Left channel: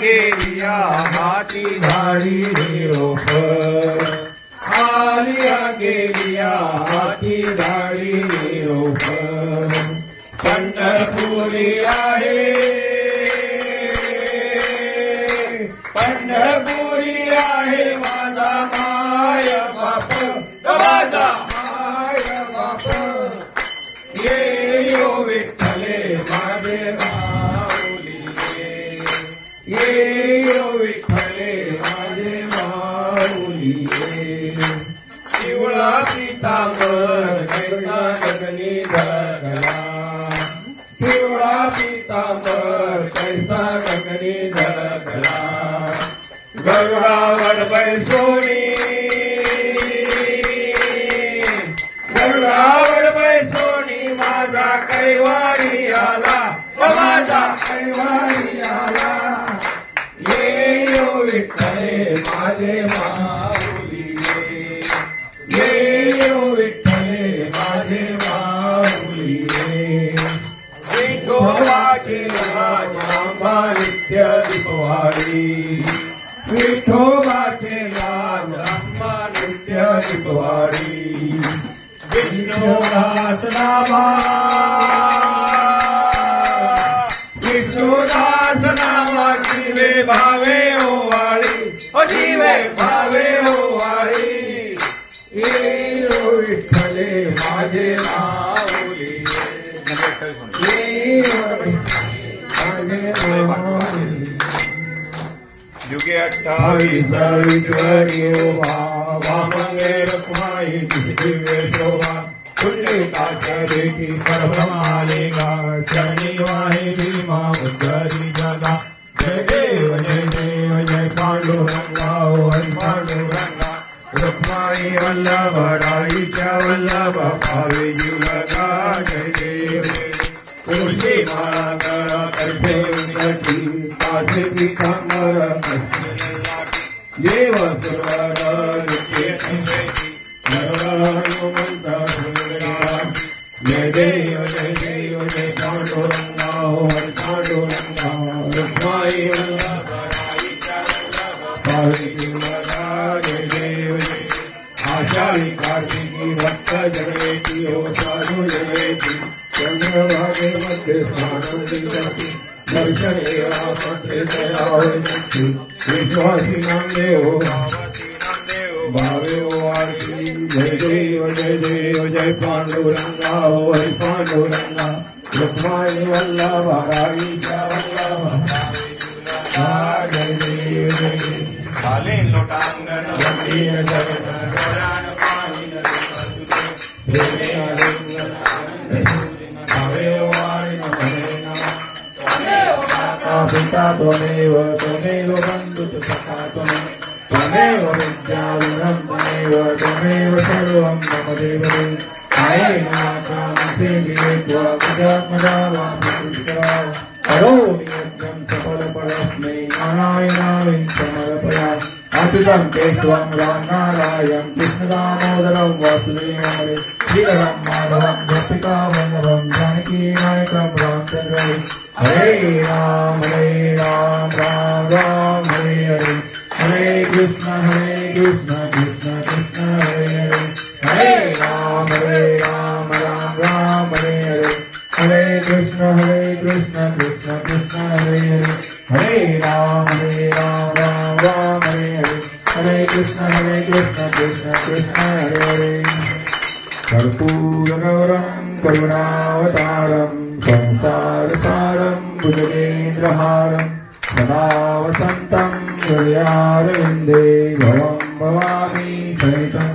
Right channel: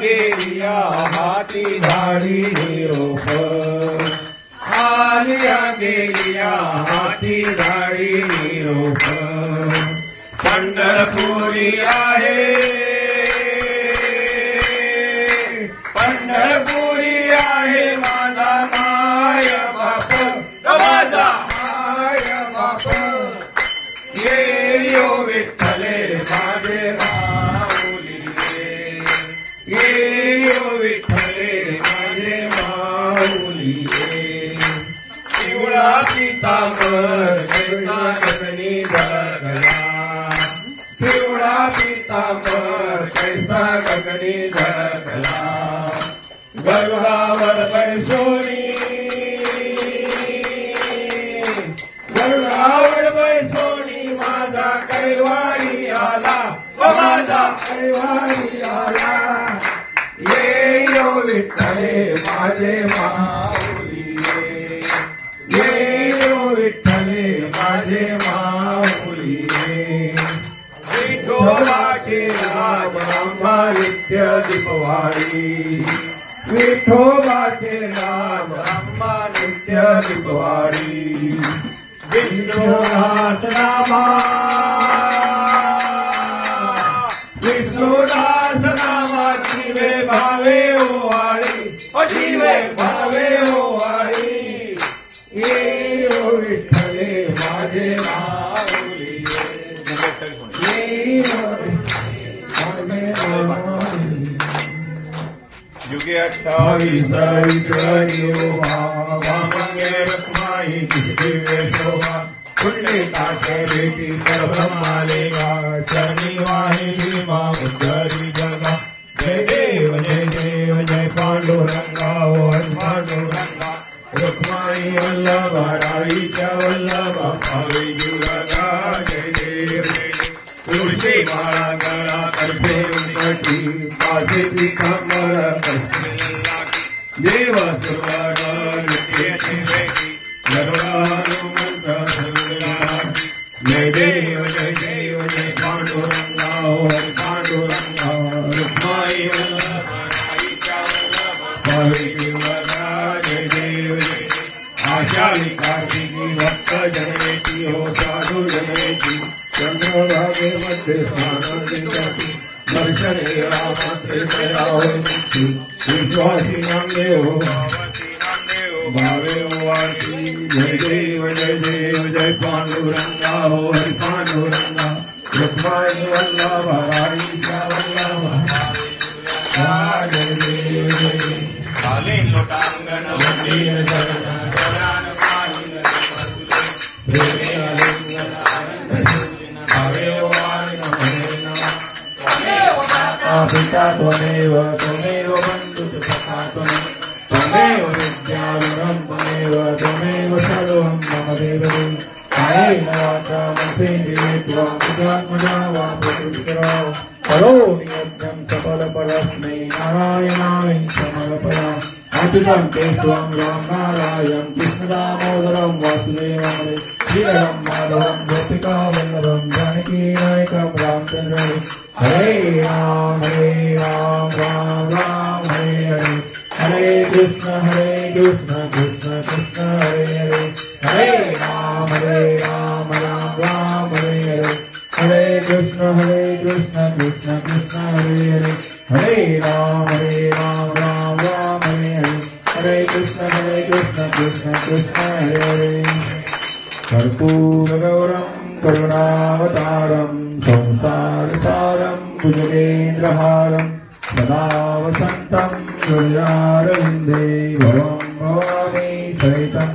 गेल्या हाती झाडी निरोप रूप पंढरपुरी आहे पंढरपुरी आहे माझा माय बाप माझा माय बाप ये यो विठ्ठले माझे माऊली ये यो विठ्ठले माझे माऊली पिवळा पितांबर कैसा गगनी धरला पिवळा पितांबर कैसा गगनी धरला गरुडावर बैसोनी गरुडावर बैसोनी माझा कैवारी आला माझा कैवारी आला ये यो विठ्ठले माझे माऊली ये यो विठ्ठले माझे माऊली विठोबाचे राज आंबा नित्य दीपवाडी विठोबाचे राज आंबा नित्य दीपवाडी विष्णुदास नामा विष्णुदास नामा जीवे भावे ओवाळी जीवे भावे ओवाळी ये यो विठ्ठले माझे माऊली ये यो माझे माऊली युगे 28 वामंगे रखमाई दिव्य शोभा कुंडे काचरेती परब्रह्मालिंगा शनि वाहिनी मां बुद्धरी जगा जय देव जय पांडुरंगा हरि पांडुरंगा रुक्माई वल्लभा डाळीच्या वल्लभा भावे जुलगा जय देव तुळशी माळा गळा कर्फे उंगठी पासे पितांबर देव सुवार नित्येती नरहनुमंत जय देव जय पांडुरंगा हरि पांडुरंगा रुक्माई वल्लभा डाळीच्या वल्लभा भावे जुलगा जय देव आषाढी कार्तिकी भक्त जनयती हो साधु जनयती चंद्रभागे मध्ये स्नानादिकर्ति दर्शने रामत्रे दयावती विश्वासी नामदेव भावे वार्ती जय देव जय पांडुरंगा हरि पांडुरंगा रुक्माई वल्लभा राईचा वल्लभा जय देव काले लोटांगण वंदे शरण शरण पाहिन प्रेमे अरण्य भावे वार्ण पिता त्वमेव बन्धु सखा त्वमेव विद्याविनम् त्वमेव सर्वं मम देवते मयेन वाचामसे जीवित्वा प्रजात्मजावां करोमि यज्ञं सकलफलस्मै नारायणाय समर्पयामि अच्युतं केशवं रामनारायणं कृष्णदामोदरं वासुदेवं श्रीधरं माधवं गोपिकावल्लभं जानकीनायकं रामचन्द्रं हरे राम राम राम हरे हरे हरे कृष्ण कृष्ण कृष्ण हरे हरे हरे राम राम राम हरे हरे हरे कृष्ण कृष्ण कृष्ण हरे हरे हरे राम राम राम हरे हरे हरे कृष्ण कृष्ण कृष्ण हरे हरे कर्पूरगौरं करुणावतारं संसारसारं भुजगेन्द्रहारं सदा वसन्तं हृदयारविन्दे भवं भवामि सहितं